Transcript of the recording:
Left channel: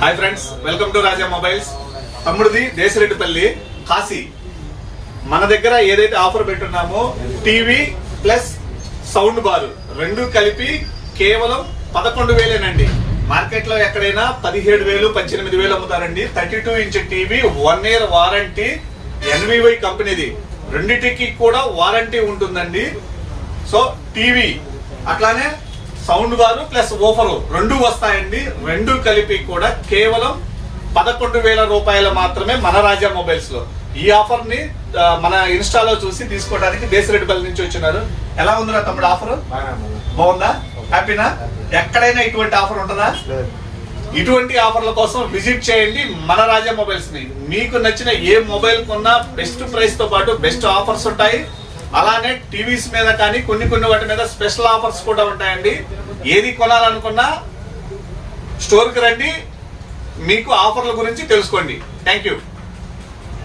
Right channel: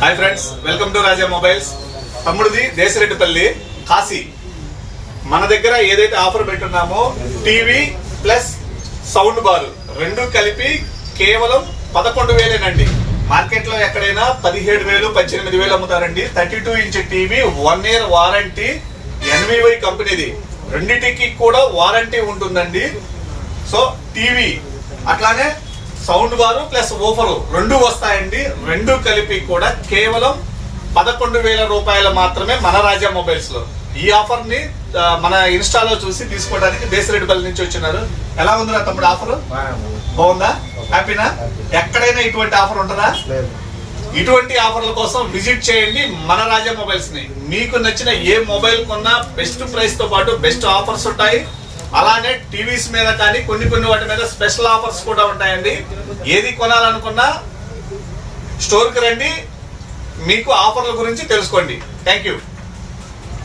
Hi friends, welcome to Raja mobiles. తమ్ముడిది దేశరెడ్డిపల్లి కాశీ. మన దగ్గర ఏదైతే ఆఫర్ పెట్టున్నామో టీవీ ప్లస్ సౌండ్ బార్ రెండు కలిపి కేవలం 11,000 మార్కెట్ లో ఎక్కడైనా 17,000 18,000 అమ్ముతారండి. 32 inch TV 1 year warranty, NVY కంపెనీది. రెండిటికి కూడా వారంటీ ఉంటుందండి. సో టీవీ అట్లానే సౌండ్ బారు ప్లస్ ఓఫర్ రెండు వస్తాయండి. రెండు కలిపి కూడా కేవలం 11,000 రూపాయలు మాత్రమే మన రాజా మొబైల్స్ లో. ఈ ఆఫర్ ని మన ఇన్స్టాలో చూసి తీసుకోవడానికి దేశరెడ్డిపల్లి నుంచి వచ్చినారు. ఎలా ఉందిరా తమ్ముడు ఆఫర్? బాగుందా? హ్యాపీనా? ఎక్కడైనా ఇటువంటి ఆఫర్ ఉంటుందా? ఇటువంటి ఆఫర్ల కోసం విజిట్ చేయండి మన రాజా మొబైల్స్ ని. మీకు నచ్చిన ఏ మొబైల్ కొన్నా బెస్ట్ ప్రైస్ తో పాటు బెస్ట్ ఆఫర్స్ ఉంటాయి. అలానే టీవీస్ మీద కానీ కొన్ని వాటి మీద స్పెషల్ ఆఫర్స్ కూడా ఉంటాయండి. ఏది కొనాలనుకున్నా స్టోర్ కి రండి, మీకు ఆఫర్ల గురించి తెలుసుకోండి. Thank you.